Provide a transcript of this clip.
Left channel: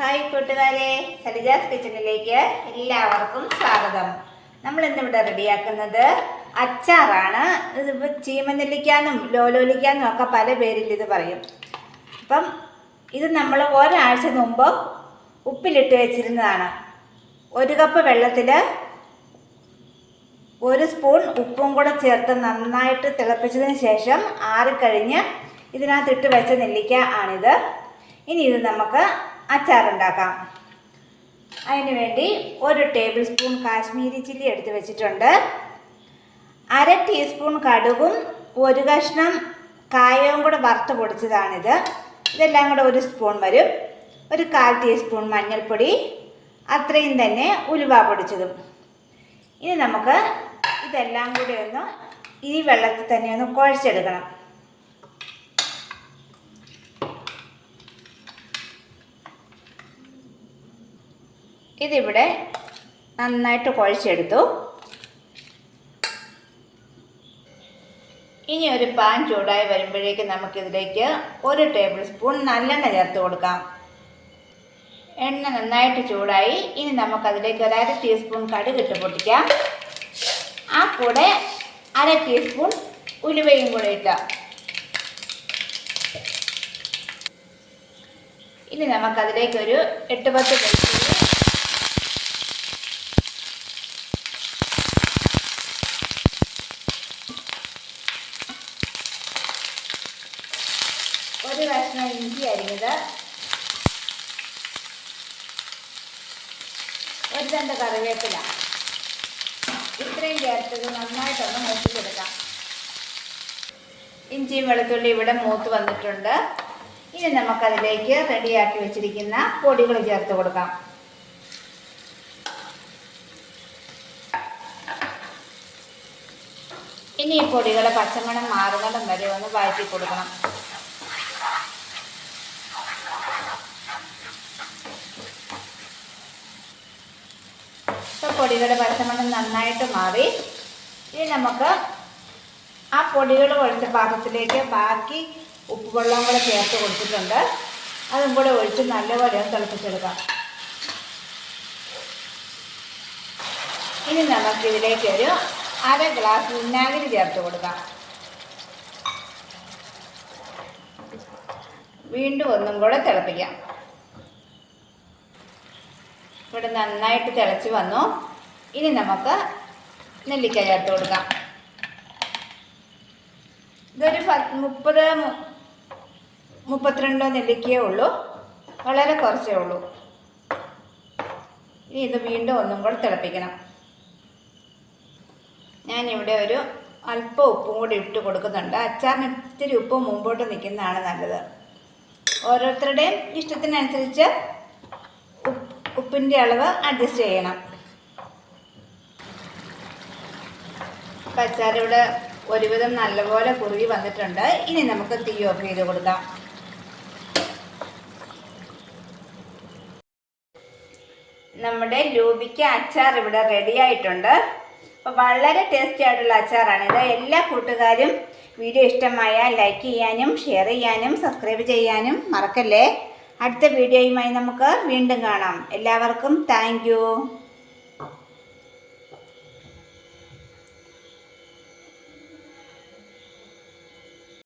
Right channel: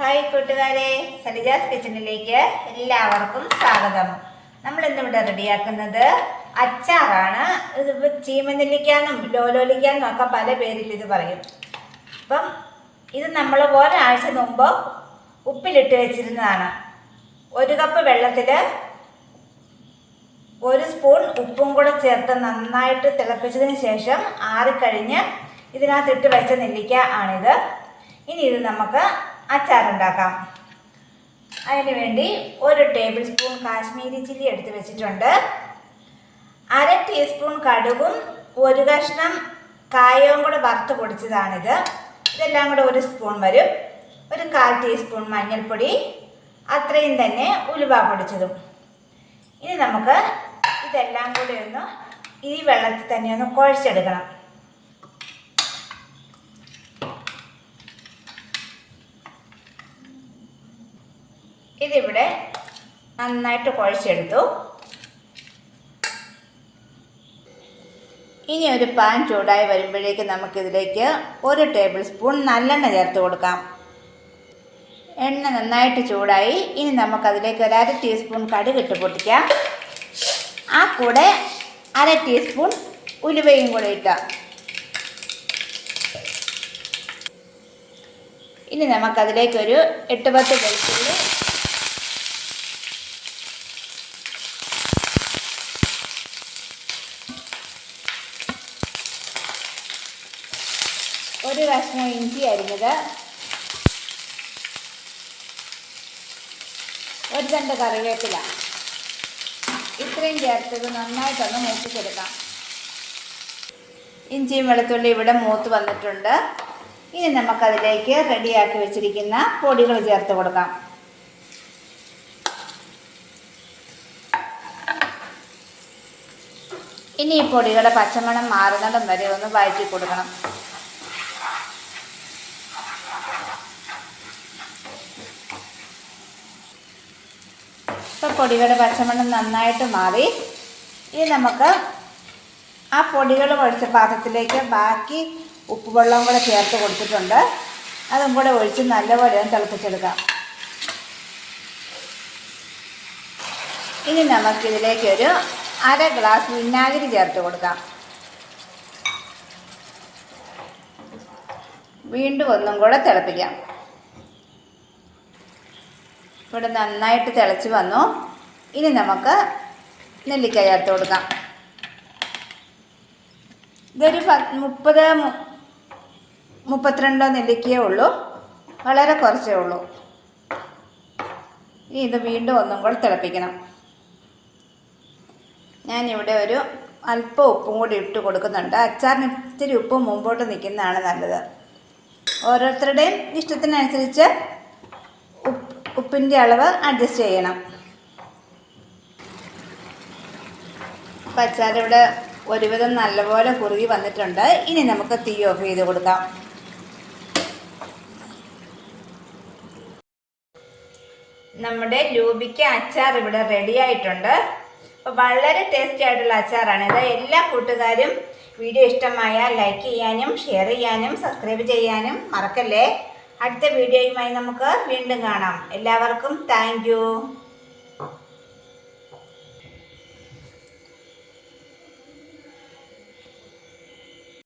Hi കൂട്ടുകാരെ സരിജാസ് കിച്ചണിലേക്ക് എല്ലാവർക്കും സ്വാഗതം. നമ്മൾ ഇന്നിവിടെ റെഡിയാക്കുന്നത് അച്ചാറാണ്. ഇതിപ്പോൾ ചീമനെല്ലിക്കാനും ലോലോലിക്കാനും ഒക്കെ പല പേരിൽ ഇത് പറയും. അപ്പം ഇത് നമ്മൾ ഒരാഴ്ച മുമ്പ് ഉപ്പിലിട്ട് വെച്ചിരുന്നതാണ്. ഒരു കപ്പ് വെള്ളത്തിൽ ഒരു സ്പൂൺ ഉപ്പും കൂടെ ചേർത്ത് നന്നായിട്ട് തിളപ്പിച്ചതിന് ശേഷം ആറിക്കഴിഞ്ഞ് ഇതിനകത്തിട്ട് വെച്ച നെല്ലിക്ക ആണിത്. ഇനി ഇത് നമുക്ക് അച്ചാറുണ്ടാക്കാം. അതിന് വേണ്ടി ഒരു ടേബിൾ സ്പൂൺ കാശ്മീരി ചില്ലി എടുത്ത് വെച്ചിട്ടുണ്ട്. അര ടീസ്പൂൺ കടുകും ഒരു കഷ്ണം കായവും കൂടെ വറുത്ത് പൊടിച്ചതാണിത്. ഇതെല്ലാം കൂടെ ഒരു സ്പൂൺ വരും. ഒരു കാൽ ടീസ്പൂൺ മഞ്ഞൾപ്പൊടി അത്രയും തന്നെ ഉലുവ പൊടിച്ചതും. ഇനി നമുക്ക് ഇതെല്ലാം കൂടി ഒന്ന് ഈ വെള്ളത്തിൽ തന്നെ ഒന്ന് കുഴച്ചെടുക്കണം. ഇതിവിടെ നന്നായിട്ട് കുഴച്ചെടുത്തു. ഇനി ഒരു പാൻ ചൂടായി വരുമ്പോഴേക്ക് നമുക്കിതിലേക്ക് ഒരു ടേബിൾ സ്പൂൺ നല്ലെണ്ണ ചേർത്ത് കൊടുക്കാം. എണ്ണ നന്നായിട്ട് ചൂടായി. ഇനി നമുക്കതിലേക്ക് ഒരു അര ടീസ്പൂൺ കടുക് ഇട്ട് പൊട്ടിക്കാം. ആ കൂടെ അര ടീസ്പൂൺ ഉലുവയും കൂടെ ഇട്ടാം. ഇനി നമുക്കതിലേക്ക് ഒരു എട്ട് പത്ത് വെളുത്തുള്ളി ഒരു കഷ്ണം ഇഞ്ചി അരിഞ്ഞത് ഒരു തണ്ട് കറിവേപ്പില. ഇത്രയും ചേർത്തത് നന്നായിട്ടൊന്ന് മൂപ്പിച്ചെടുക്കാം. ഇഞ്ചിയും വെളുത്തുള്ളി ഇവിടെ മൂത്ത് വന്നിട്ടുണ്ട്. ഇനി നമുക്കതിലേക്ക് റെഡിയാക്കി വെച്ചിരിക്കുന്ന പൊടികൾ ചേർത്ത് കൊടുക്കാം. ഇനി ഈ പൊടികളെ പച്ചമണം മാറുന്നതും വരെ ഒന്ന് വഴറ്റി കൊടുക്കണം. പൊടികളുടെ പച്ചമണം നന്നായിട്ട് മാറി. ഇനി നമുക്ക് ആ പൊടികൾ ഒഴിച്ച പാത്രത്തിലേക്ക് ബാക്കി ഉപ്പുവെള്ളം കൂടെ ചേർത്ത് കൊടുത്തിട്ടുണ്ട്. അതും കൂടെ ഒഴിച്ച് നല്ലപോലെ ഒന്ന് തിളപ്പിച്ചെടുക്കാം. ഇനി നമുക്കിതിലേക്ക് ഒരു അര ഗ്ലാസ് വിനാഗിരി ചേർത്ത് കൊടുക്കാം. വീണ്ടും ഒന്നും കൂടെ തിളപ്പിക്കാം. ഇവിടെ നന്നായിട്ട് തിളച്ച് വന്നു. ഇനി നമുക്ക് നെല്ലിക്ക ചേർത്ത് കൊടുക്കാം. ഇതൊരു മുപ്പത് മുപ്പത്തിരണ്ടോ നെല്ലിക്കയേ ഉള്ളൂ. വളരെ കുറച്ചേ ഉള്ളൂ. ഇനി ഇത് വീണ്ടും ഒന്നും കൂടെ തിളപ്പിക്കണം. ഞാനിവിടെ ഒരു അല്പം ഉപ്പും കൂടി ഇട്ട് കൊടുക്കുന്നുണ്ട്. അച്ചാറിന് ഇത്തിരി ഉപ്പ് മുമ്പോട്ട് നിൽക്കുന്നതാണ് നല്ലത്. ഓരോരുത്തരുടെയും ഇഷ്ടത്തിനനുസരിച്ച് ഉപ്പ് ഉപ്പിന്റെ അളവ് അഡ്ജസ്റ്റ് ചെയ്യണം. അപ്പം അച്ചാറിവിടെ ഒരുവിധം നല്ലപോലെ കുറുകി വന്നിട്ടുണ്ട്. ഇനി നമുക്ക് തീ ഓഫ് ചെയ്ത് കൊടുക്കാം. നമ്മുടെ ലൂബിക്ക അച്ചാർ ഇവിടെ റെഡി ആയിട്ടുണ്ട്. അപ്പോൾ വളരെ ടേസ്റ്റി ആയിട്ടുള്ള അച്ചാറാണ്. ഇത് എല്ലാ കൂട്ടുകാരും വീഡിയോ ഇഷ്ടമായാൽ ലൈക്ക് ചെയ്യാനും ഷെയർ ചെയ്യാനും സബ്സ്ക്രൈബ് ചെയ്യാനും മറക്കല്ലേ. അടുത്ത വീഡിയോയുമായി നമുക്ക് വീണ്ടും കാണാം. എല്ലാവർക്കും താങ്ക്